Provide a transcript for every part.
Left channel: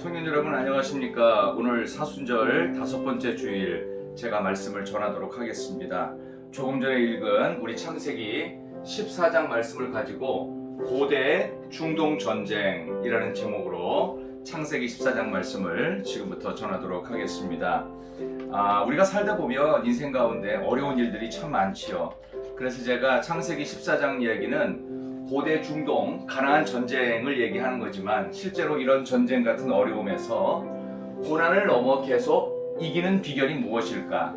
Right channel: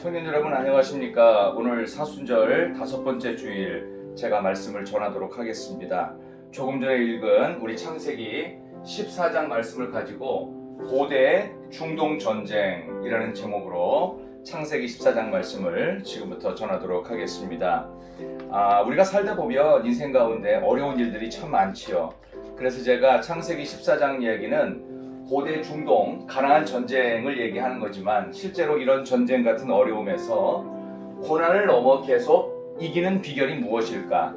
청년 여러분 안녕하십니까. 오늘 사순절 5번째 주일 제가 말씀을 전하도록 하겠습니다. 조금 전에 읽은 우리 창세기 14장 말씀을 가지고 고대 중동 전쟁이라는 제목으로 창세기 14장 말씀을 지금부터 전하도록 하겠습니다. 우리가 살다 보면 인생 가운데 어려운 일들이 참 많지요. 그래서 제가 창세기 14장 이야기는 고대 중동 가나안 전쟁을 얘기하는 거지만 실제로 이런 전쟁 같은 어려움에서 고난을 넘어 계속 이기는 비결이 무엇일까?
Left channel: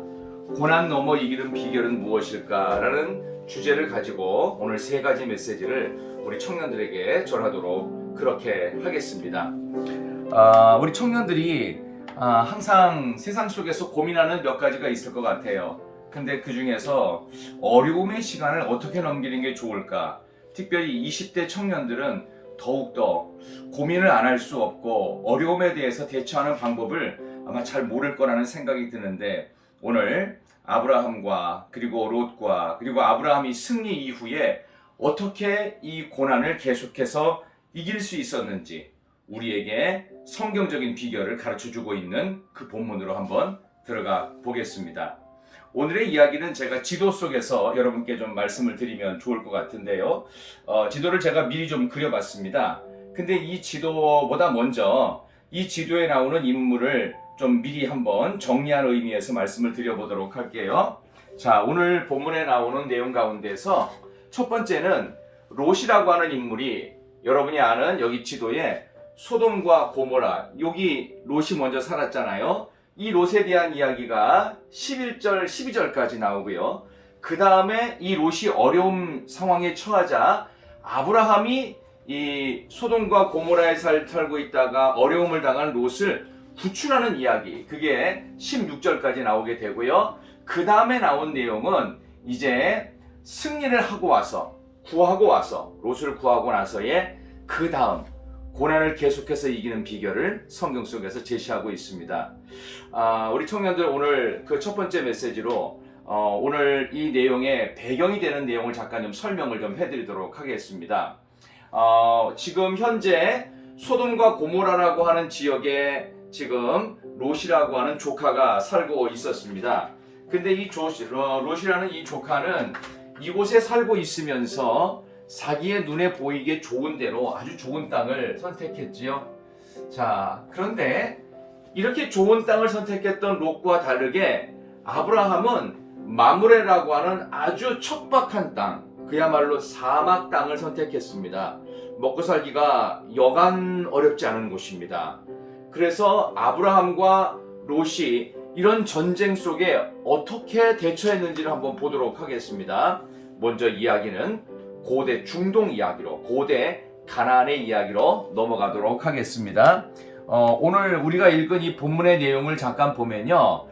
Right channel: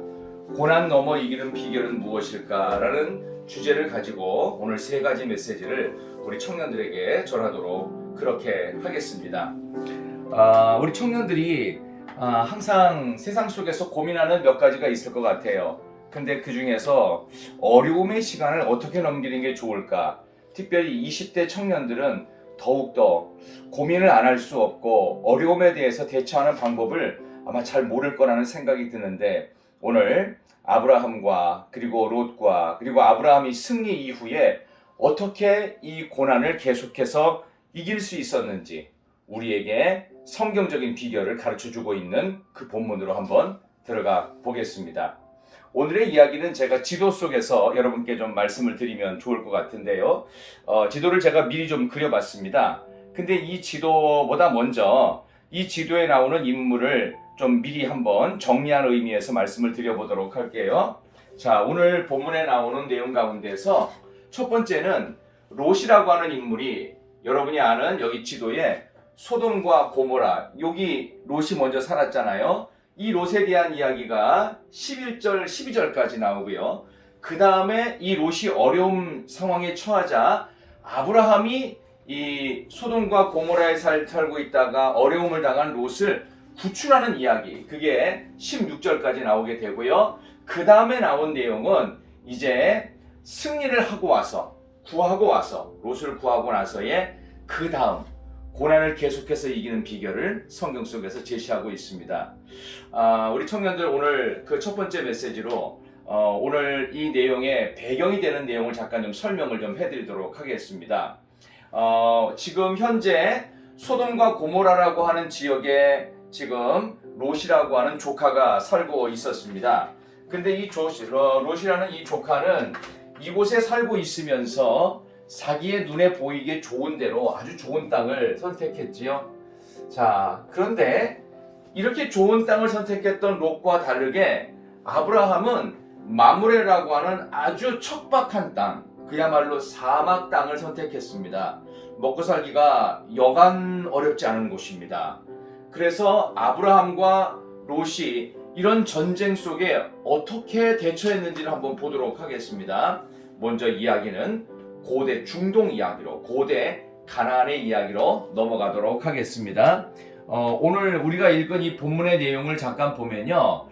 고난 넘어 이기는 비결은 무엇일까? 라는 주제를 가지고 오늘 3가지 메시지를 우리 청년들에게 전하도록 그렇게 하겠습니다. 우리 청년들이 항상 세상 속에서 고민하는 몇 가지가 있을 것 같아요. 근데 그 중에서 어려움의 시간을 어떻게 넘기는 게 좋을까? 특별히 20대 청년들은 더욱더 고민을 안 할 수 없고 어려움에 대해서 대처하는 방법을 아마 잘 모를 거라는 생각이 드는데, 오늘 아브라함과 그리고 롯과 그리고 아브라함이 승리 이후에 어떻게 이 고난을 계속해서 이길 수 있었는지 우리에게 성경적인 비결을 가르쳐주고 있는 그 본문으로 한번 들어가 보겠습니다. 오늘의 이야기는 제가 지도 속에서 여러분께 좀 말씀을 드리면 좋을 것 같은데요. 지도를 제가 미리 좀 그려봤습니다. 근데 이 지도보다 먼저 이 지도에 나오는 인물을 좀 미리 한번 정리한 의미에서 말씀을 드려보도록 할게요. 자, 오늘 본문에 나오는 내용 가운데서 첫 번째는 롯이라고 하는 인물이, 여러분이 아는 여기 지도에 소돔과 고모라, 여기 롯이 먼저 살았잖아요. 이 롯에 대한 이야기가 11절, 12절까지 나오고요. 그 다음에 이 롯이 어려운 상황에 처하자 아브라함이 이 소돔과 고모라에 살고 있다가 어려움을 당한 롯을 구출하는 이야기, 그게 16절까지 나오게 되고요. 그 다음에 나온 내용은 이제 승리를 하고 와서, 구하고 와서, 롯을 구하고 나서의 그 다음 고난을 계속해서 이기는 비결을 성경 속에서 제시하고 있습니다. 우리 청년들 오늘 그 첫 번째 메시지로 오늘 이 내용의 배경이 되는 내용을 잠깐 좀 설명을 좀 해드리도록 하겠습니다. 지금 현재 소돔과 고모라라고 하는 지역에 지금 롯이라고 하는 조카가 살고 있었습니다. 근데 이 롯이라는 이 조카는 이곳에 살고 있으면서 자기의 눈에 보이게 좋은 대로 아주 좋은 땅을 선택했지요. 자, 그런데 이렇게 좋은 땅을 선택했던 롯과 다르게 아브라함은 마므레라고 하는 아주 척박한 땅, 그야말로 사막 땅을 선택했습니다. 먹고 살기가 여간 어렵지 않은 곳입니다. 그래서 아브라함과 롯이 이런 전쟁 속에 어떻게 대처했는지를 한번 보도록 하겠습니다. 먼저 이야기는 고대 중동 이야기로, 고대 가나안의 이야기로 넘어가도록 하겠습니다. 오늘 우리가 읽은 이 본문의 내용을 잠깐 보면요,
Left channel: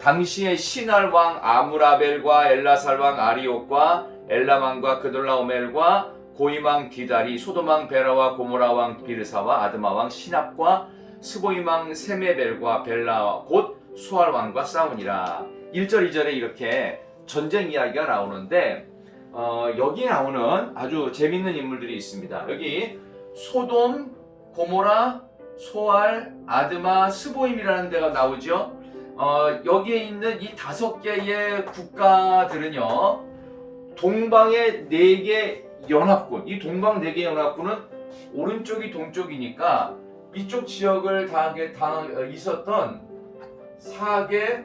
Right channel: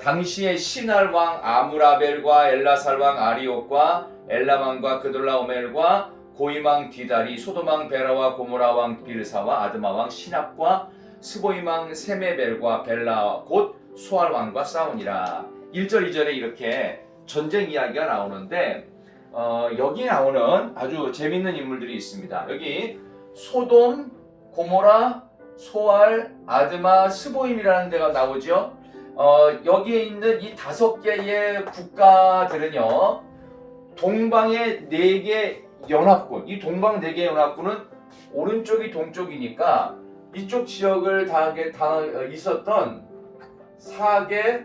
당시의 시날 왕 아므라벨과 엘라살 왕 아리옥과 엘라망과 그돌라오멜과 고임왕 디달이 소돔왕 베라와 고모라 왕 비르사와 아드마 왕 시납과 스보임 왕 세메벨과 벨라 곧 소알 왕과 싸우니라. 1절 2절에 이렇게 전쟁 이야기가 나오는데, 여기 나오는 아주 재밌는 인물들이 있습니다. 여기 소돔, 고모라, 소알, 아드마, 스보임이라는 데가 나오죠. 여기에 있는 이 5개의 국가들은요, 동방의 4개 연합군, 이 동방 4개 연합군은 오른쪽이 동쪽이니까 이쪽 지역을 있었던 4개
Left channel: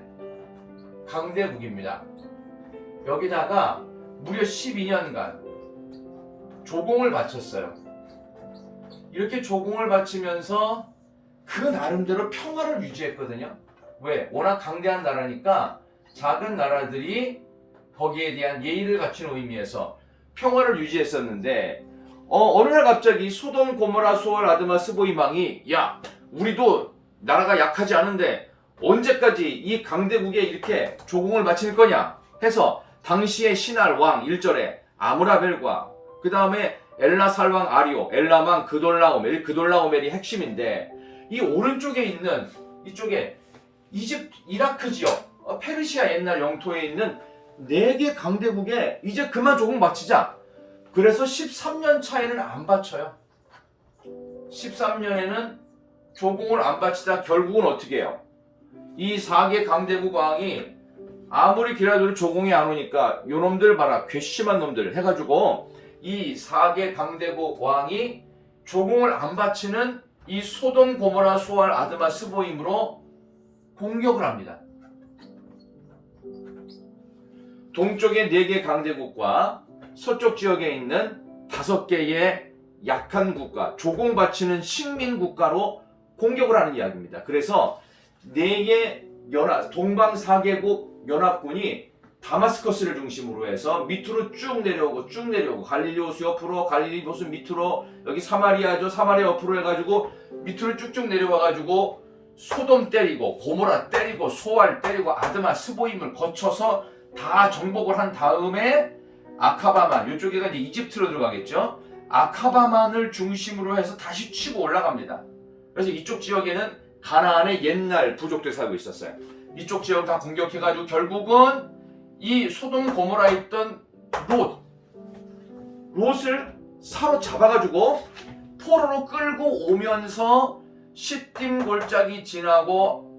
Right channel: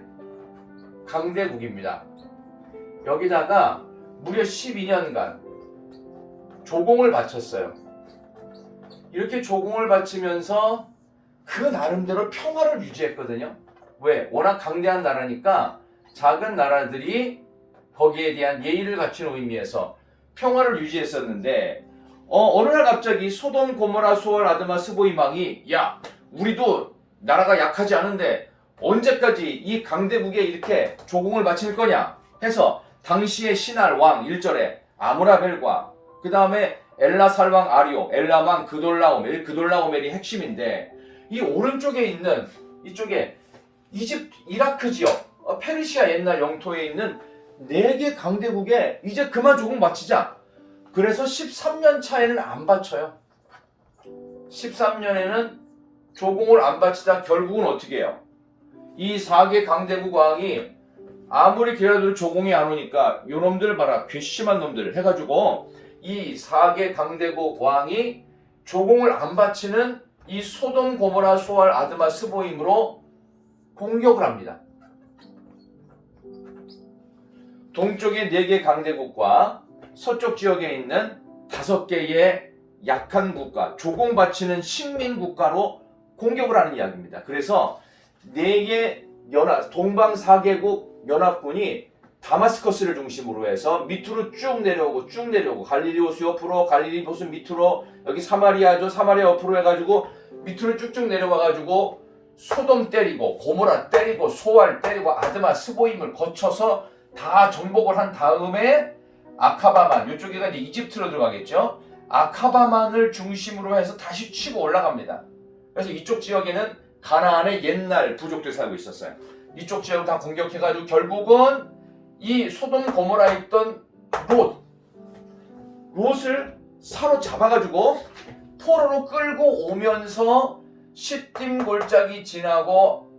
강대국입니다. 여기다가 무려 12년간 조공을 바쳤어요. 이렇게 조공을 바치면서 그 나름대로 평화를 유지했거든요. 왜? 워낙 강대한 나라니까 작은 나라들이 거기에 대한 예의를 갖추는 의미에서 평화를 유지했었는데, 어느 날 갑자기 소돔, 고모라, 소알, 아드마, 스보임 왕이, 야, 우리도 나라가 약하지 않은데 언제까지 이 강대국에 이렇게 조공을 바칠 거냐 해서 당시의 신할 왕 1절에 아므라벨과 그 다음에 엘라살 왕 아리오, 엘라망 그돌라오멜이 핵심인데, 이 오른쪽에 있는 이쪽에 이라크 지역, 페르시아 옛날 영토에 있는 4개 강대국에 이제 그만 조공 바치자. 그래서 13년 차에는 안 바쳐요. 13년에는 조공을 안 바치다 결국은 어떻게 해요? 이 4개 강대국 왕이 아무리 기다려도 조공이 안 오니까 요놈들 봐라, 괘씸한 놈들 해가지고 이 4개 강대국 왕이 조공을 안 바치는 이 소돔 고모라 소알 아드마 스보임으로 공격을 합니다. 동쪽의 4개 강대국과 서쪽 지역에 있는 5개의 약한 국가, 조공 바치는 식민 국가로 공격을 하는 이야기입니다. 그래서 4개 동방 4개국 연합군이 다마스커스를 중심으로 해서 밑으로 쭉 내려오고 갈릴리 호수 옆으로, 갈릴리 호수 밑으로, 여기 사마리아죠, 사마리아 옆으로 해가지고 밑으로 쭉쭉 내려와가지고 소돔 때리고 고모라 때리고 소알 때리고 아드마 스보임을 거쳐서 다 정복을 한 다음에 아카바만, 이쪽에가 이제 이집트로 들어가겠죠. 아카바만을 중심으로 해서 다시 치고 올라갑니다. 그래서 이쪽 지역에는 가나안의 옛날 부족들 살고 있었어요. 이쪽 지역 다 공격해가지고 결국은 이 소돔 고모라에 있던 롯을 사로잡아가지고 포로로 끌고 오면서 시딤 골짜기 지나고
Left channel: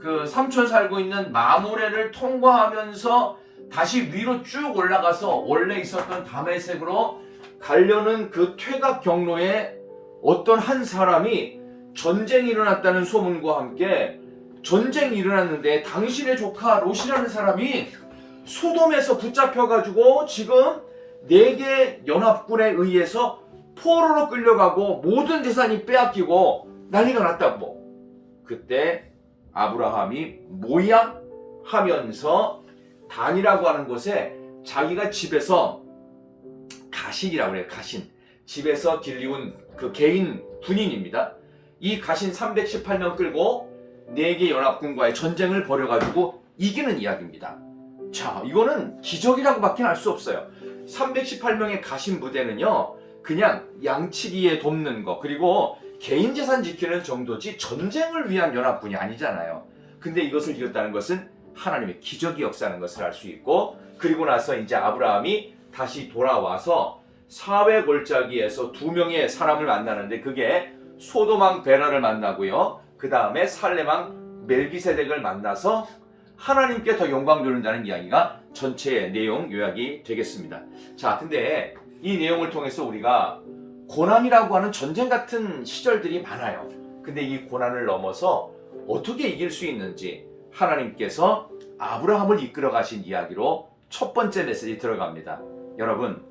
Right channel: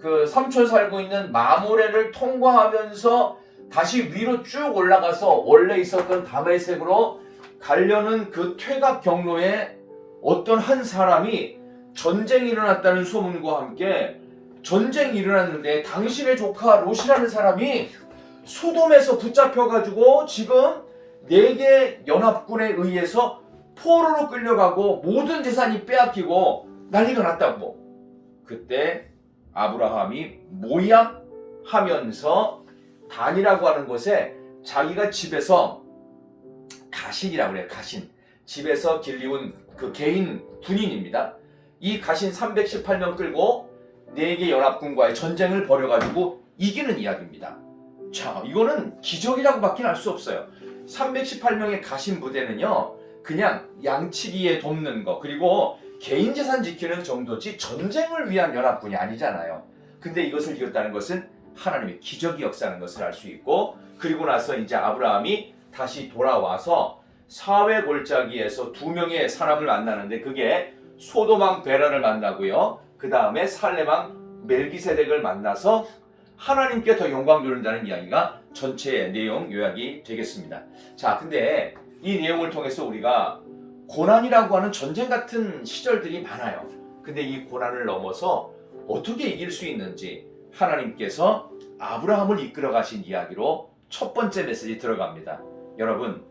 그 삼촌 살고 있는 마모레를 통과하면서 다시 위로 쭉 올라가서 원래 있었던 다메섹으로 가려는 그 퇴각 경로에 어떤 한 사람이 전쟁이 일어났다는 소문과 함께 전쟁이 일어났는데 당신의 조카 롯이라는 사람이 소돔에서 붙잡혀가지고 지금 4개 연합군에 의해서 포로로 끌려가고 모든 재산이 빼앗기고 난리가 났다고. 그때 아브라함이 뭐야? 하면서 단이라고 하는 곳에 자기가 집에서 가신이라고 그래요. 가신. 집에서 길리운 그 개인 군인입니다. 이 가신 318명 끌고 4개 연합군과의 전쟁을 벌여가지고 이기는 이야기입니다. 자, 이거는 기적이라고밖에 할 수 없어요. 318명의 가신 부대는요, 그냥 양치기에 돕는 거, 그리고 개인 재산 지키는 정도지 전쟁을 위한 연합군이 아니잖아요. 근데 이것을 이겼다는 것은 하나님의 기적이 역사하는 것을 알 수 있고, 그리고 나서 이제 아브라함이 다시 돌아와서 사회 골짜기에서 2명의 사람을 만나는데 그게 소돔 왕 베라를 만나고요. 그 다음에 살렘 왕 멜기세덱을 만나서 하나님께 더 영광 돌린다는 이야기가 전체의 내용 요약이 되겠습니다. 자, 근데 이 내용을 통해서 우리가 고난이라고 하는 전쟁 같은 시절들이 많아요. 근데 이 고난을 넘어서 어떻게 이길 수 있는지 하나님께서 아브라함을 이끌어 가신 이야기로 첫 번째 메시지 들어갑니다. 여러분,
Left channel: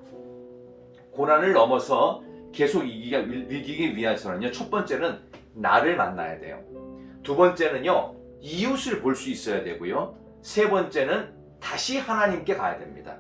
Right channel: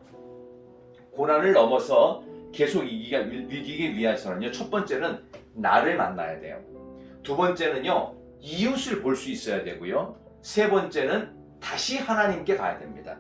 고난을 넘어서 계속 이기기 위해서는요, 첫 번째는 나를 만나야 돼요. 두 번째는요, 이웃을 볼 수 있어야 되고요. 세 번째는 다시 하나님께 가야 됩니다.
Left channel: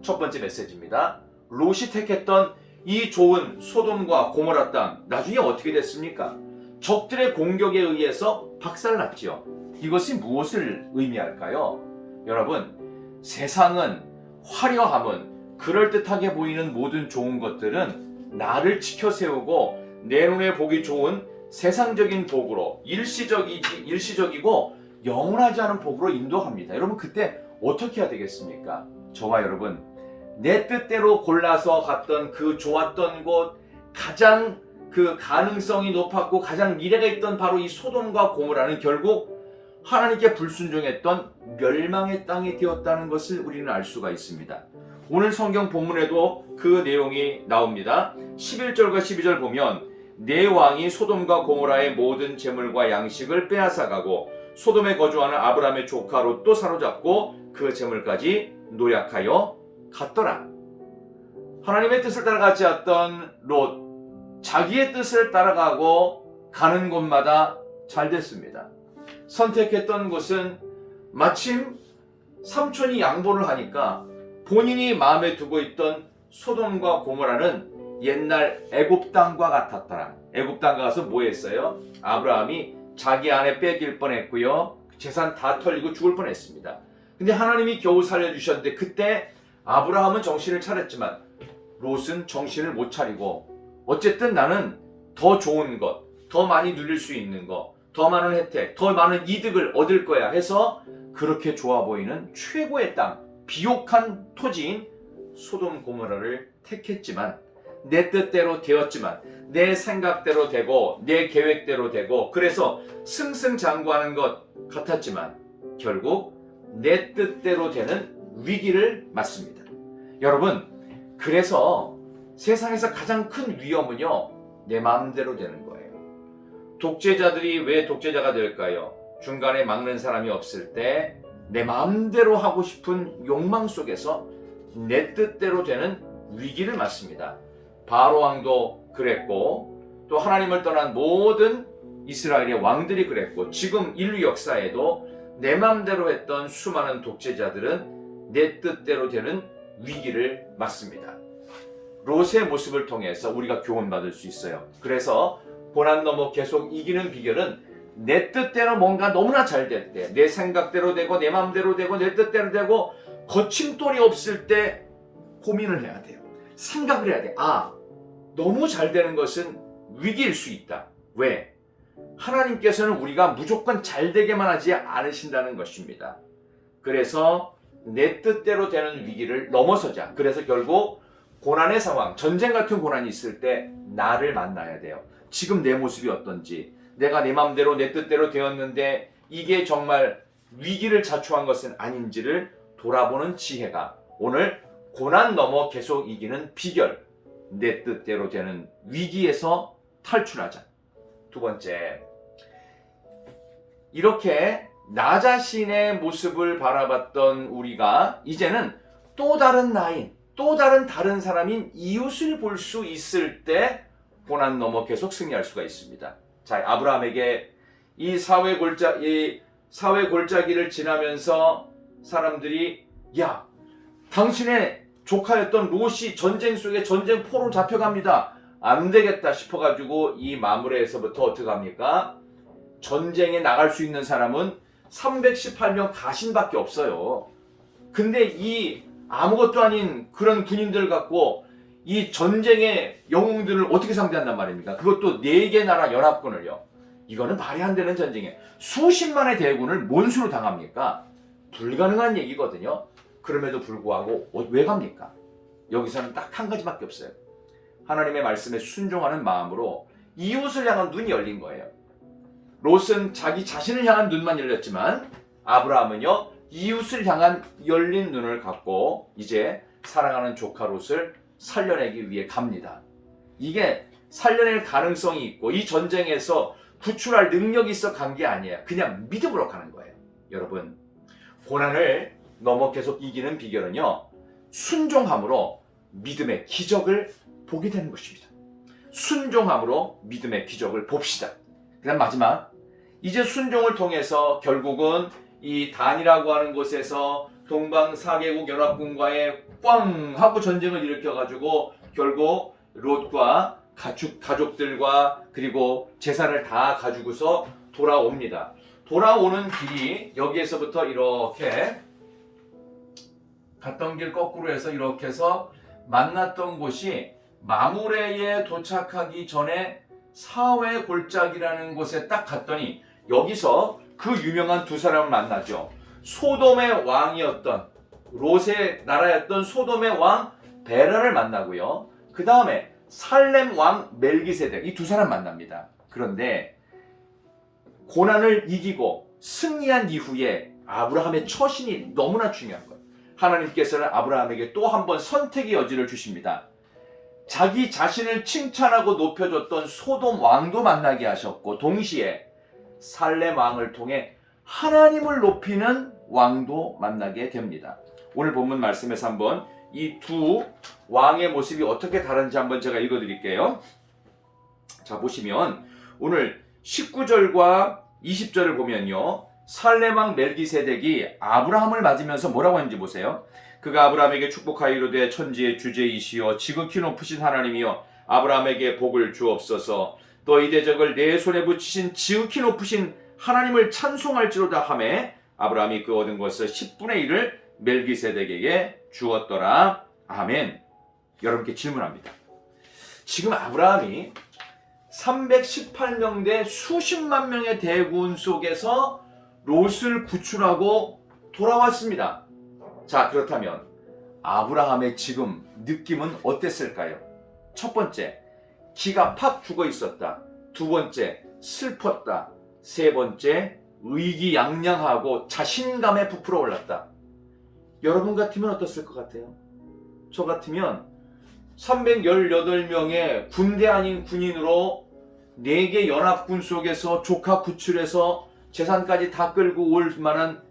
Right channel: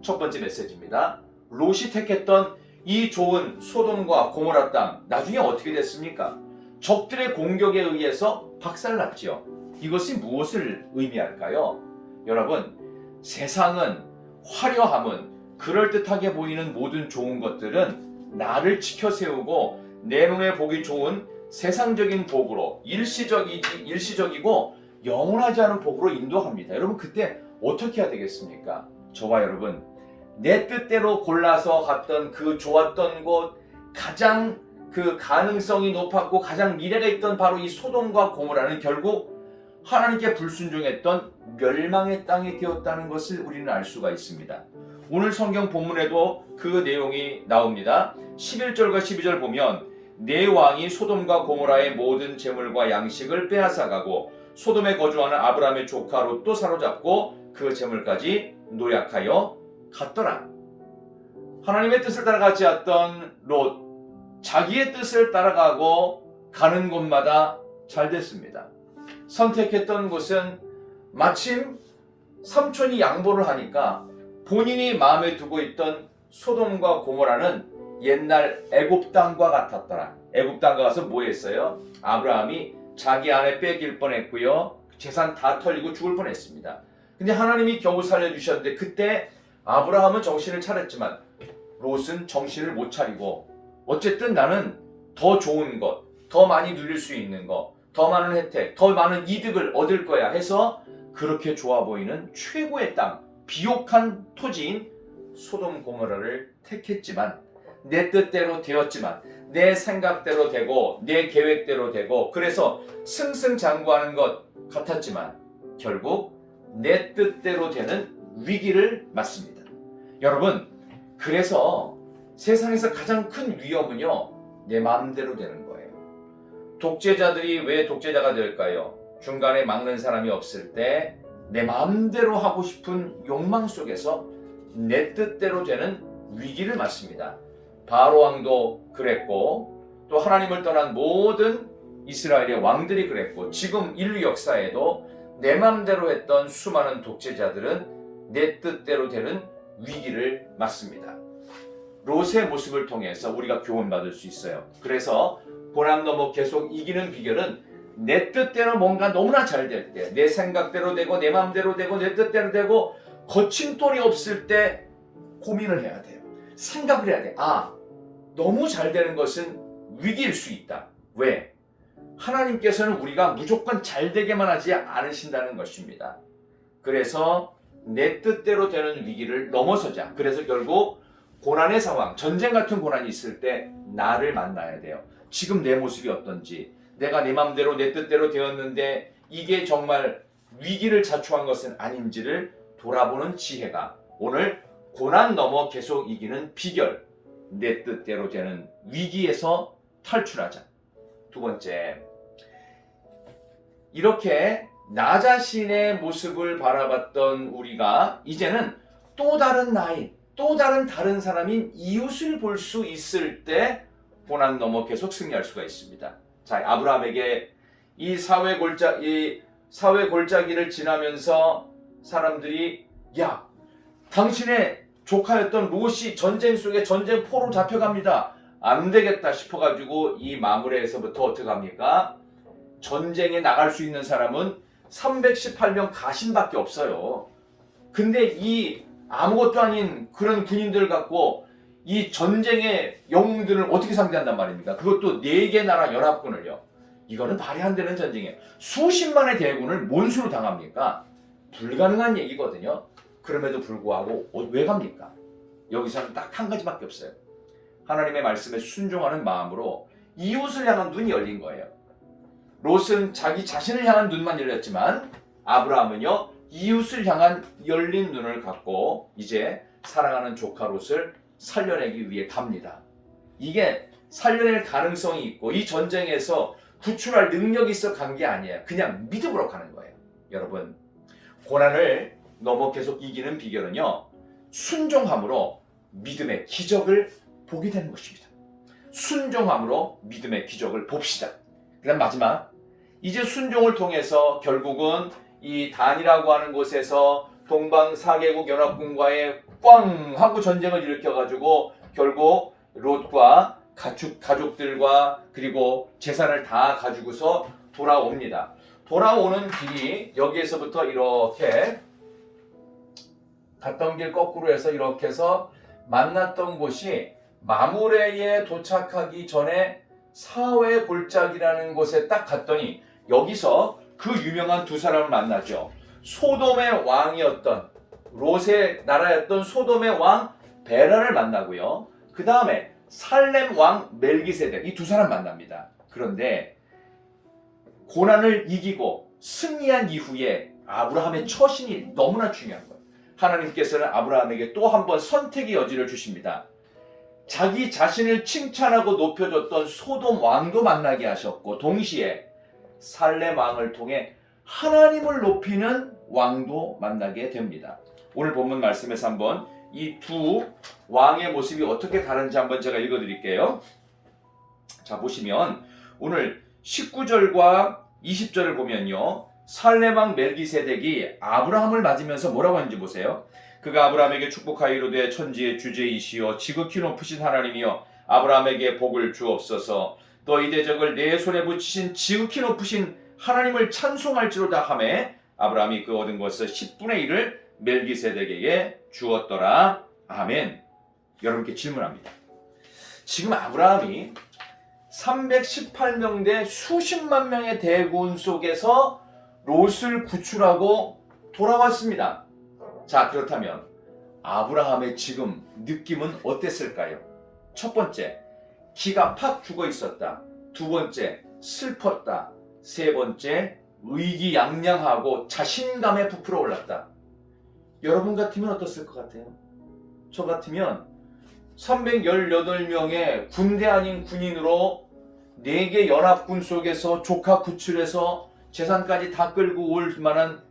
첫 번째 메시지입니다. 롯이 택했던 이 좋은 소돔과 고모라 땅, 나중에 어떻게 됐습니까? 적들의 공격에 의해서 박살났죠. 이것이 무엇을 의미할까요? 여러분, 세상은, 화려함은, 그럴듯하게 보이는 모든 좋은 것들은 나를 지켜 세우고 내 눈에 보기 좋은 세상적인 복으로 일시적이고 영원하지 않은 복으로 인도합니다. 여러분, 그때 어떻게 해야 되겠습니까? 저와 여러분, 내 뜻대로 골라서 갔던 그 좋았던 곳, 가장 그 가능성이 높았고 가장 미래가 있던 바로 이 소돔과 고모라는 결국 하나님께 불순종했던 멸망의 땅이 되었다는 것을 우리는 알 수가 있습니다. 오늘 성경 본문에도 그 내용이 나옵니다. 11절과 12절 보면 네 왕이 소돔과 고모라의 모든 재물과 양식을 빼앗아가고 소돔에 거주하는 아브라함의 조카 롯도 사로잡고 그 재물까지 노략하여 갔더라. 하나님의 뜻을 따라가지 않던 롯, 자기의 뜻을 따라가고 가는 곳마다 잘 됐습니다. 선택했던 곳은 마침 삼촌이 양보를 하니까 본인이 마음에 두고 있던 소돔과 고모라는 옛날 애굽 땅과 같았더라. 애굽 땅 가서 뭐 했어요? 아브라함이 자기 아내 뺏길 뻔했고요. 재산 다 털리고 죽을 뻔했습니다. 근데 하나님이 겨우 살려주셨는데 그때 아브라함은 정신을 차렸지만 롯은 정신을 못 차리고 어쨌든 나는 더 좋은 것, 더 많이 누릴 수 있는 것, 더 많은 혜택, 더 많은 이득을 얻을 거야 해서 그렇게 좋아 보이는 최고의 땅, 비옥한 토지인 소돔 고모라를 택했지만 내 뜻대로 되었지만 내 생각대로 되고 내 계획대로 되고 그래서 승승장구하는 것 같았지만 결국 내 뜻대로 되는 위기를 맞습니다. 여러분, 그래서 세상에서 가장 큰 위험은요, 내 마음대로 되는 거예요. 독재자들이 왜 독재자가 될까요? 중간에 막는 사람이 없을 때 내 마음대로 하고 싶은 욕망 속에서 내 뜻대로 되는 위기를 맞습니다. 바로 왕도 그랬고 또 하나님을 떠난 모든 이스라엘의 왕들이 그랬고 지금 인류 역사에도 내 마음대로 했던 수많은 독재자들은 내 뜻대로 되는 위기를 맞습니다. 롯의 모습을 통해서 우리가 교훈받을 수 있어요. 그래서 고난 넘어 계속 이기는 비결은 내 뜻대로 뭔가 너무나 잘 될 때, 내 생각대로 되고 내 마음대로 되고 내 뜻대로 되고 거침돌이 없을 때 고민을 해야 돼요. 생각을 해야 돼. 너무 잘 되는 것은 위기일 수 있다. 왜? 하나님께서는 우리가 무조건 잘 되게만 하지 않으신다는 것입니다. 그래서 내 뜻대로 되는 위기를 넘어서자. 그래서 결국 고난의 상황, 전쟁 같은 고난이 있을 때 나를 만나야 돼요. 지금 내 모습이 어떤지, 내가 내 마음대로 내 뜻대로 되었는데 이게 정말 위기를 자초한 것은 아닌지를 돌아보는 지혜가 오늘 고난 넘어 계속 이기는 비결, 내 뜻대로 되는 위기에서 탈출하자. 두 번째, 이렇게 나 자신의 모습을 바라봤던 우리가 이제는 또 다른 나인, 또 다른 사람인 이웃을 볼 수 있을 때 고난 넘어 계속 승리할 수가 있습니다. 자, 아브라함에게 이 사회 골짜기를 지나면서 사람들이 야, 당신의 조카였던 롯이 전쟁 속에 전쟁포로 잡혀갑니다. 안 되겠다 싶어가지고 이 마므레에서부터 어떻게 합니까? 전쟁에 나갈 수 있는 사람은 318명 가신밖에 없어요. 근데 이 아무것도 아닌 그런 군인들 갖고 이 전쟁의 영웅들을 어떻게 상대한단 말입니까? 그것도 4개 나라 연합군을요. 이거는 말이 안 되는 전쟁에 수십만의 대군을 뭔수로 당합니까? 불가능한 얘기거든요. 그럼에도 불구하고 왜 갑니까? 여기서는 딱 한 가지밖에 없어요. 하나님의 말씀에 순종하는 마음으로 이웃을 향한 눈이 열린 거예요. 롯은 자기 자신을 향한 눈만 열렸지만 아브라함은요, 이웃을 향한 열린 눈을 갖고 이제 사랑하는 조카 롯을 살려내기 위해 갑니다. 이게 살려낼 가능성이 있고 이 전쟁에서 구출할 능력이 있어 간 게 아니에요. 그냥 믿음으로 가는 거예요. 여러분, 고난을 넘어 계속 이기는 비결은요, 순종함으로 믿음의 기적을 보게 되는 것입니다. 순종함으로 믿음의 기적을 봅시다. 그다음 마지막, 이제 순종을 통해서 결국은 이 단이라고 하는 곳에서 동방 4개국 연합군과의 꽝 하고 전쟁을 일으켜가지고 결국 롯과 가족들과 그리고 재산을 다 가지고서 돌아옵니다. 돌아오는 길이 여기에서부터 이렇게 갔던 길 거꾸로 해서 이렇게 해서 만났던 곳이 마므레에 도착하기 전에 사회 골짜기라는 곳에 딱 갔더니 여기서 그 유명한 두 사람을 만나죠. 소돔의 왕이었던 롯의 나라였던 소돔의 왕 베라를 만나고요. 그 다음에 살렘 왕 멜기세덱, 이 두 사람 만납니다. 그런데 고난을 이기고 승리한 이후에 아브라함의 처신이 너무나 중요한 거예요. 하나님께서는 아브라함에게 또 한 번 선택의 여지를 주십니다. 자기 자신을 칭찬하고 높여줬던 소돔 왕도 만나게 하셨고 동시에 살렘 왕을 통해 하나님을 높이는 왕도 만나게 됩니다. 오늘 본문 말씀에서 한번 이 두 왕의 모습이 어떻게 다른지 한번 제가 읽어드릴게요. 자, 보시면 오늘 19절과 20절을 보면요, 살렘 왕 멜기세덱이 아브라함을 맞으면서 뭐라고 하는지 보세요. 그가 아브라함에게 축복하여 이르되 천지의 주제이시여 지극히 높으신 하나님이여 아브라함에게 복을 주옵소서. 너희 대적을 내 손에 붙이신 지극히 높으신 하나님을 찬송할지로다 하매 아브라함이 그 얻은 것을 10분의 1을 멜기세덱에게 주었더라. 아멘. 여러분께 질문합니다. 지금 아브라함이 318명 대 수십만 명의 대군 속에서 롯을 구출하고 돌아왔습니다. 자, 그렇다면 아브라함의 지금 느낌은 어땠을까요? 첫 번째, 기가 팍 죽어 있었다. 두 번째, 슬펐다. 세 번째, 의기양양하고 자신감에 부풀어 올랐다. 여러분 같으면 어떻을 것 같아요? 저 같으면 318명의 군대 아닌 군인으로 4개 연합군 속에서 조카 구출해서 재산까지 다 끌고 올 만한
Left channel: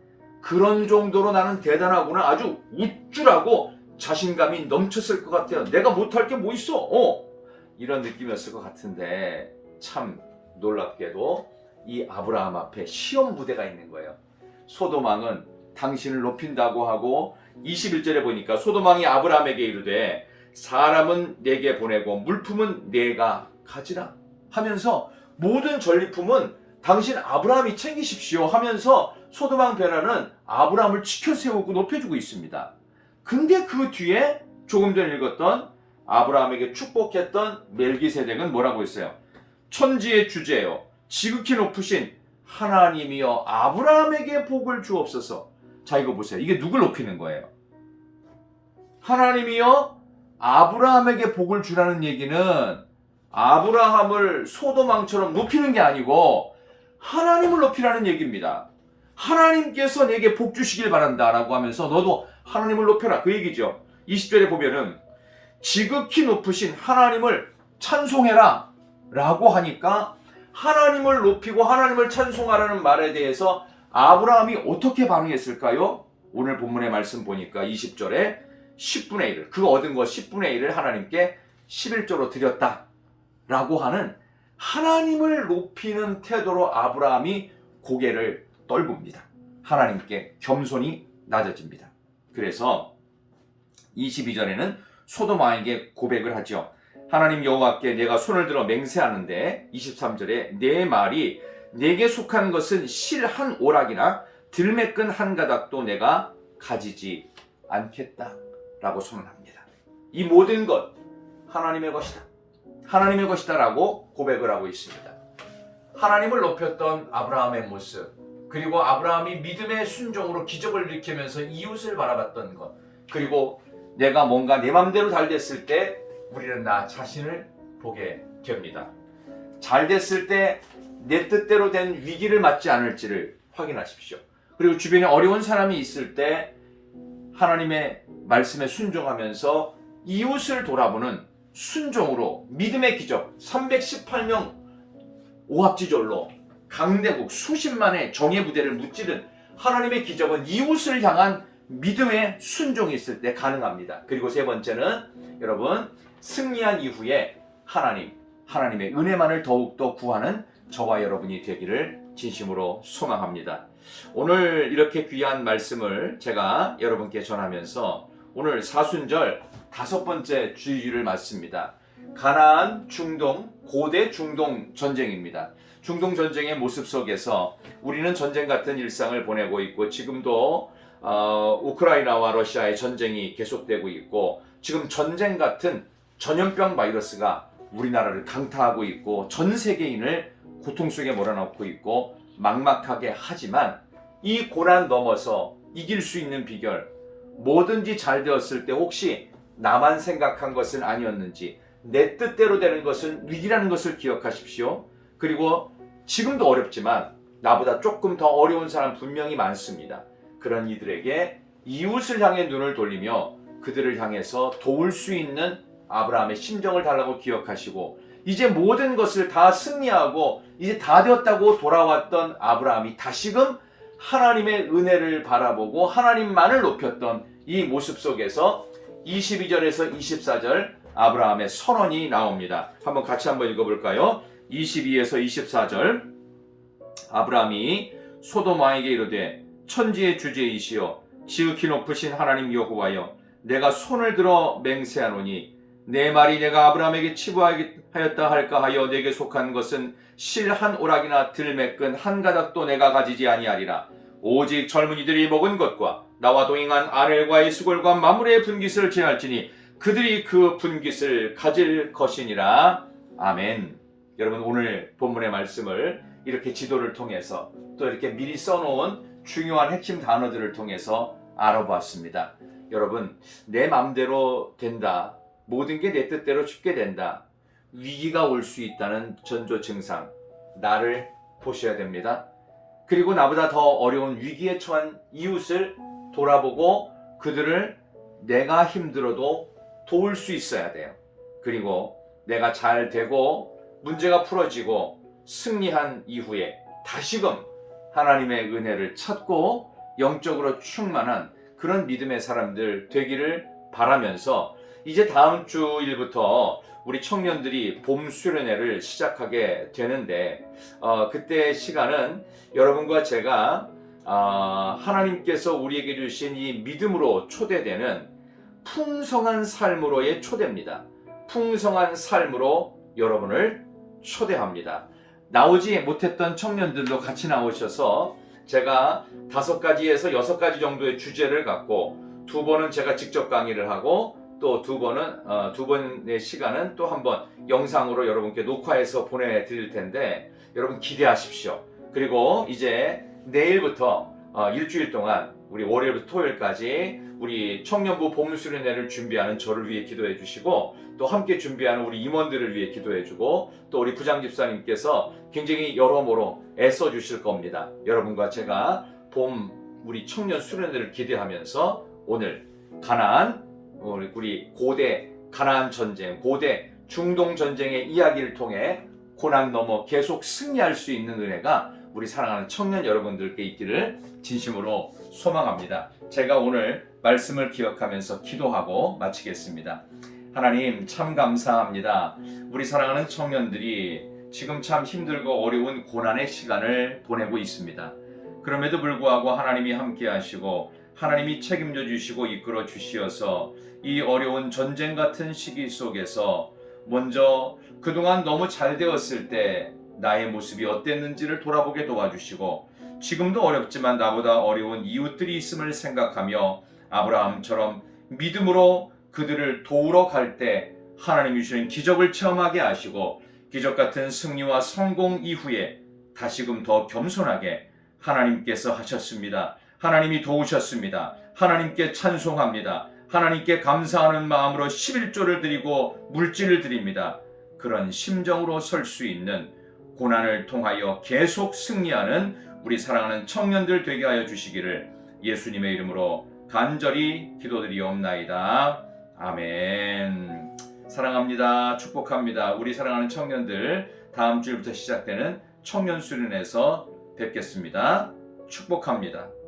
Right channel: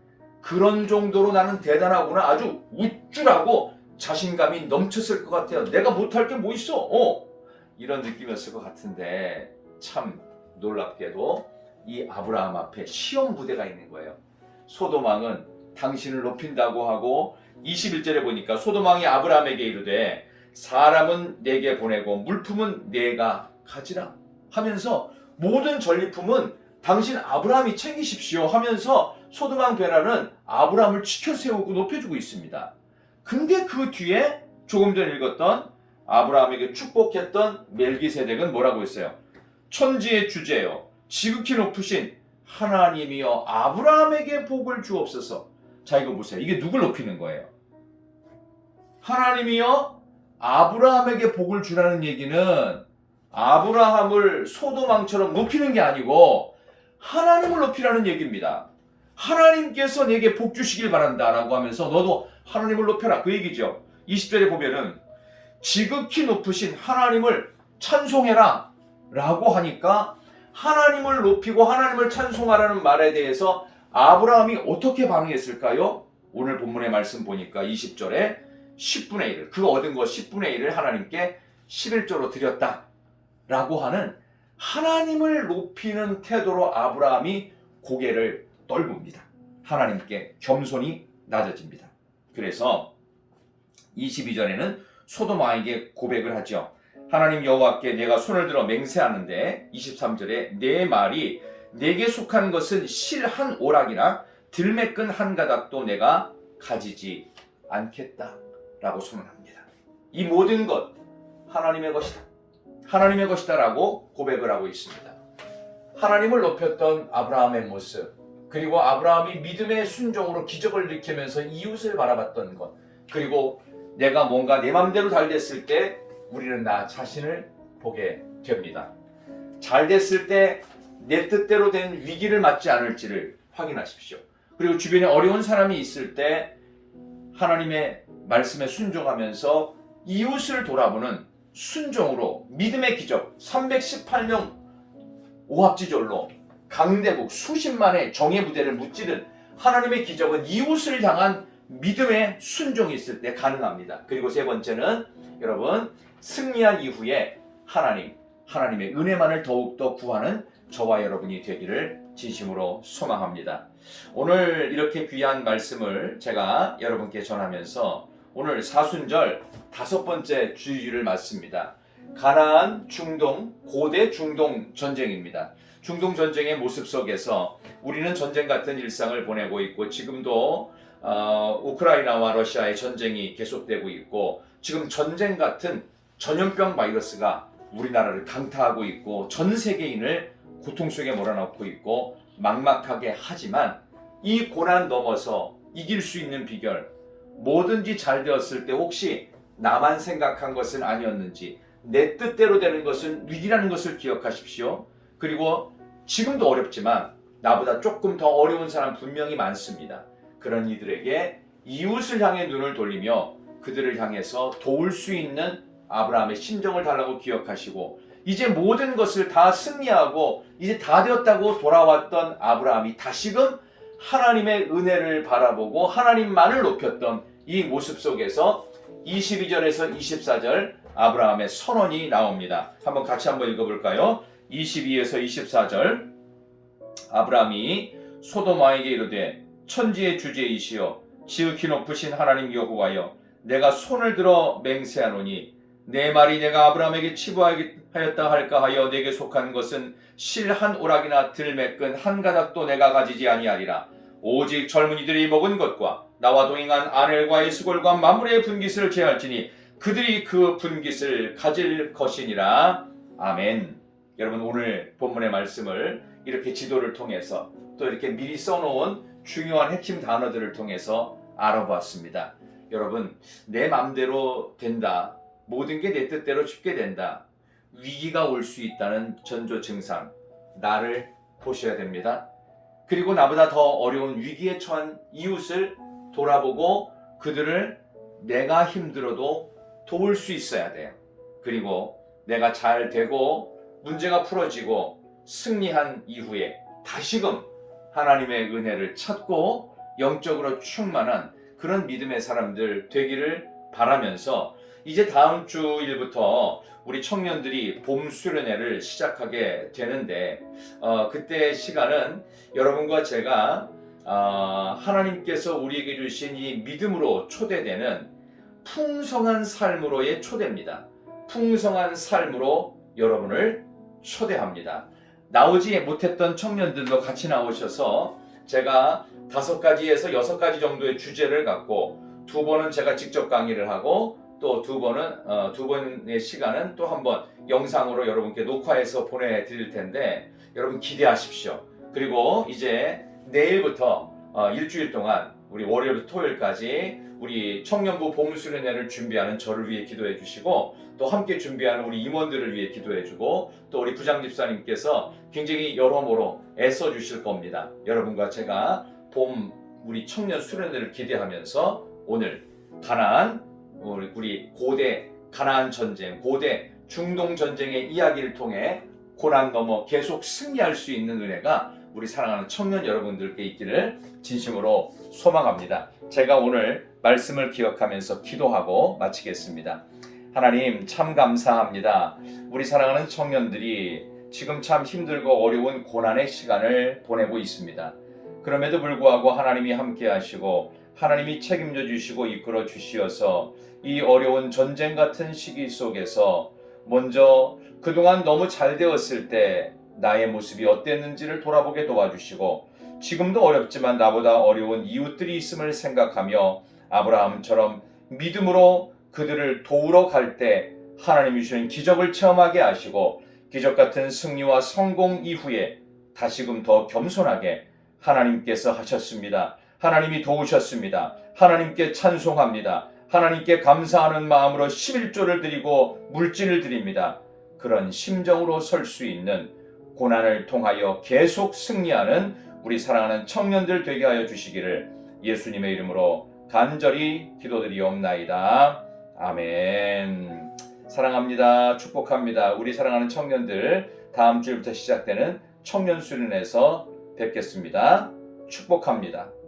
그런 정도로 나는 대단하구나, 아주 우쭐하고 자신감이 넘쳤을 것 같아요. 내가 못할 게 뭐 있어? 이런 느낌이었을 것 같은데 참 놀랍게도 이 아브라함 앞에 시험 부대가 있는 거예요. 소돔 왕은 당신을 높인다고 하고 21절에 보니까 소돔 왕이 아브라함에게 이르되 사람은 내게 보내고 물품은 내가 가지라 하면서 모든 전리품은 당신 아브라함이 챙기십시오 하면서 소돔 왕 베라는 아브라함을 지켜세우고 높여주고 있습니다. 근데 그 뒤에 조금 전에 읽었던 아브라함에게 축복했던 멜기세덱은 뭐라고 했어요? 천지의 주제요 지극히 높으신 하나님이여 아브라함에게 복을 주옵소서. 자, 이거 보세요. 이게 누굴 높이는 거예요? 하나님이여 아브라함에게 복을 주라는 얘기는 아브라함을 소돔 왕처럼 높이는 게 아니고 하나님을 높이라는 얘기입니다. 하나님께서 내게 복 주시길 바란다 라고 하면서 너도 하나님을 높여라, 그 얘기죠. 20절에 보면은 지극히 높으신 하나님을 찬송해라 라고 하니까 하나님을 높이고 하나님을 찬송하라는 말에 대해서 아브라함이 어떻게 반응했을까요? 오늘 본문의 말씀 보니까 20절에 10분의 1을, 그거 얻은 거 10분의 1을 하나님께 11조로 드렸다 라고 하는 하나님을 높이는 태도로 아브라함이 고개를 떨굽니다. 하나님께 겸손히 낮아집니다. 그래서 22절에는 소돔 왕에게 고백을 하죠. 하나님 여호와께 내가 손을 들어 맹세하는데 23절에 내 말이 내게 속한 것은 실 한 오락이나 들매끈 한 가닥도 내가 가지지 않겠다 라고 선언합니다. 이 모든 것 하나님의 것이다, 하나님의 것이다 라고 고백을 하고 있습니다. 하나님을 높였던 아브라함의 모습, 그리고 아브라함이 믿음의 순종으로 기적을 일으키면서 이웃을 바라봤던 것, 그리고 내가 뭔가 내 맘대로 잘 됐을 때 우리는 나 자신을 보게 됩니다. 잘 됐을 때 내 뜻대로 된 위기를 맞지 않을지를 확인하십시오. 그리고 주변에 어려운 사람이 있을 때 하나님의 말씀에 순종하면서 이웃을 돌아보는 순종으로 믿음의 기적, 318명 오합지졸로 강대국 수십만의 정예 부대를 무찌른 하나님의 기적은 이웃을 향한 믿음의 순종이 있을 때 가능합니다. 그리고 세 번째는 여러분, 승리한 이후에 하나님의 은혜만을 더욱더 구하는 저와 여러분이 되기를 진심으로 소망합니다. 오늘 이렇게 귀한 말씀을 제가 여러분께 전하면서 오늘 사순절 5번째 주일을 맞습니다. 가나안, 중동, 고대 중동 전쟁입니다. 중동 전쟁의 모습 속에서 우리는 전쟁 같은 일상을 보내고 있고 지금도 우크라이나와 러시아의 전쟁이 계속되고 있고 지금 전쟁 같은 전염병 바이러스가 우리나라를 강타하고 있고 전 세계인을 고통 속에 몰아넣고 있고 막막하게 하지만 이 고난 넘어서 이길 수 있는 비결, 뭐든지 잘 되었을 때 혹시 나만 생각한 것은 아니었는지 내 뜻대로 되는 것은 위기라는 것을 기억하십시오. 그리고 지금도 어렵지만 나보다 조금 더 어려운 사람 분명히 많습니다. 그런 이들에게 이웃을 향해 눈을 돌리며 그들을 향해서 도울 수 있는 아브라함의 심정을 달라고 기억하시고 이제 모든 것을 다 승리하고 이제 다 되었다고 돌아왔던 아브라함이 다시금 하나님의 은혜를 바라보고 하나님만을 높였던 이 모습 속에서 22절에서 24절 아브라함의 선언이 나옵니다. 같이 한번 읽어볼까요? 22에서 24절 아브라함이 소돔 왕에게 이르되 천지의 주제이시여 지극히 높으신 하나님 여호와여 내가 손을 들어 맹세하노니 내 말이 내가 아브라함에게 치부하였다 할까 하여 내게 속한 것은 실 한 오락이나 들매끈 한 가닥도 내가 가지지 아니하리라. 오직 젊은이들이 먹은 것과 나와 동행한 아넬과의 수골과 마물의 분깃을 제할지니 그들이 그 분깃을 가질 것이니라. 아멘. 여러분, 오늘 본문의 말씀을 이렇게 지도를 통해서 또 이렇게 미리 써놓은 중요한 핵심 단어들을 통해서 알아보았습니다. 여러분, 내 맘대로 된다, 모든 게 내 뜻대로 쉽게 된다, 위기가 올 수 있다는 전조 증상, 나를 보셔야 됩니다. 그리고 나보다 더 어려운 위기에 처한 이웃을 돌아보고 그들을 내가 힘들어도 도울 수 있어야 돼요. 그리고 내가 잘 되고 문제가 풀어지고 승리한 이후에 다시금 하나님의 은혜를 찾고 영적으로 충만한 그런 믿음의 사람들 되기를 바라면서 이제 다음 주일부터 우리 청년들이 봄 수련회를 시작하게 되는데 그때 시간은 여러분과 제가 하나님께서 우리에게 주신 이 믿음으로 초대되는 풍성한 삶으로의 초대입니다. 풍성한 삶으로 여러분을 초대합니다. 나오지 못했던 청년들도 같이 나오셔서 제가 5가지에서 6가지 정도의 주제를 갖고 2번은 제가 직접 강의를 하고 또 2번의 시간은 또 한번 영상으로 여러분께 녹화해서 보내드릴 텐데 여러분 기대하십시오. 그리고 이제 내일부터 일주일 동안 우리 월요일부터 토요일까지 우리 청년부 봄수련회를 준비하는 저를 위해 기도해 주시고 또 함께 준비하는 우리 임원들을 위해 기도해 주고 또 우리 부장 집사님께서 굉장히 여러모로 애써 주실 겁니다. 여러분과 제가 봄 우리 청년 수련회를 기대하면서 오늘 가나안 우리 고대 가나안 전쟁, 고대 중동 전쟁의 이야기를 통해 고난 넘어 계속 승리할 수 있는 은혜가 우리 사랑하는 청년 여러분들께 있기를 진심으로 소망합니다. 제가 오늘 말씀을 기억하면서 기도하고 마치겠습니다. 하나님 참 감사합니다. 우리 사랑하는 청년들이 지금 참 힘들고 어려운 고난의 시간을 보내고 있습니다. 그럼에도 불구하고 하나님이 함께 하시고 하나님이 책임져 주시고 이끌어 주시어서 이 어려운 전쟁 같은 시기 속에서 먼저 그동안 너무 잘 되었을 때 나의 모습이 어땠는지를 돌아보게 도와주시고 지금도 어렵지만 나보다 어려운 이웃들이 있음을 생각하며 아브라함처럼 믿음으로 그들을 도우러 갈 때 하나님이 주신 기적을 체험하게 하시고 기적 같은 승리와 성공 이후에 다시금 더 겸손하게 하나님께서 하셨습니다. 하나님이 도우셨습니다. 하나님께 찬송합니다. 하나님께 감사하는 마음으로 11조를 드리고 물질을 드립니다. 그런 심정으로 설 수 있는 고난을 통하여 계속 승리하는 우리 사랑하는 청년들 되게 하여 주시기를 예수님의 이름으로 간절히 기도드리옵나이다. 아멘. 사랑합니다. 축복합니다. 우리 사랑하는 청년들 다음 주일부터 시작되는 청년 수련회에서 뵙겠습니다. 축복합니다.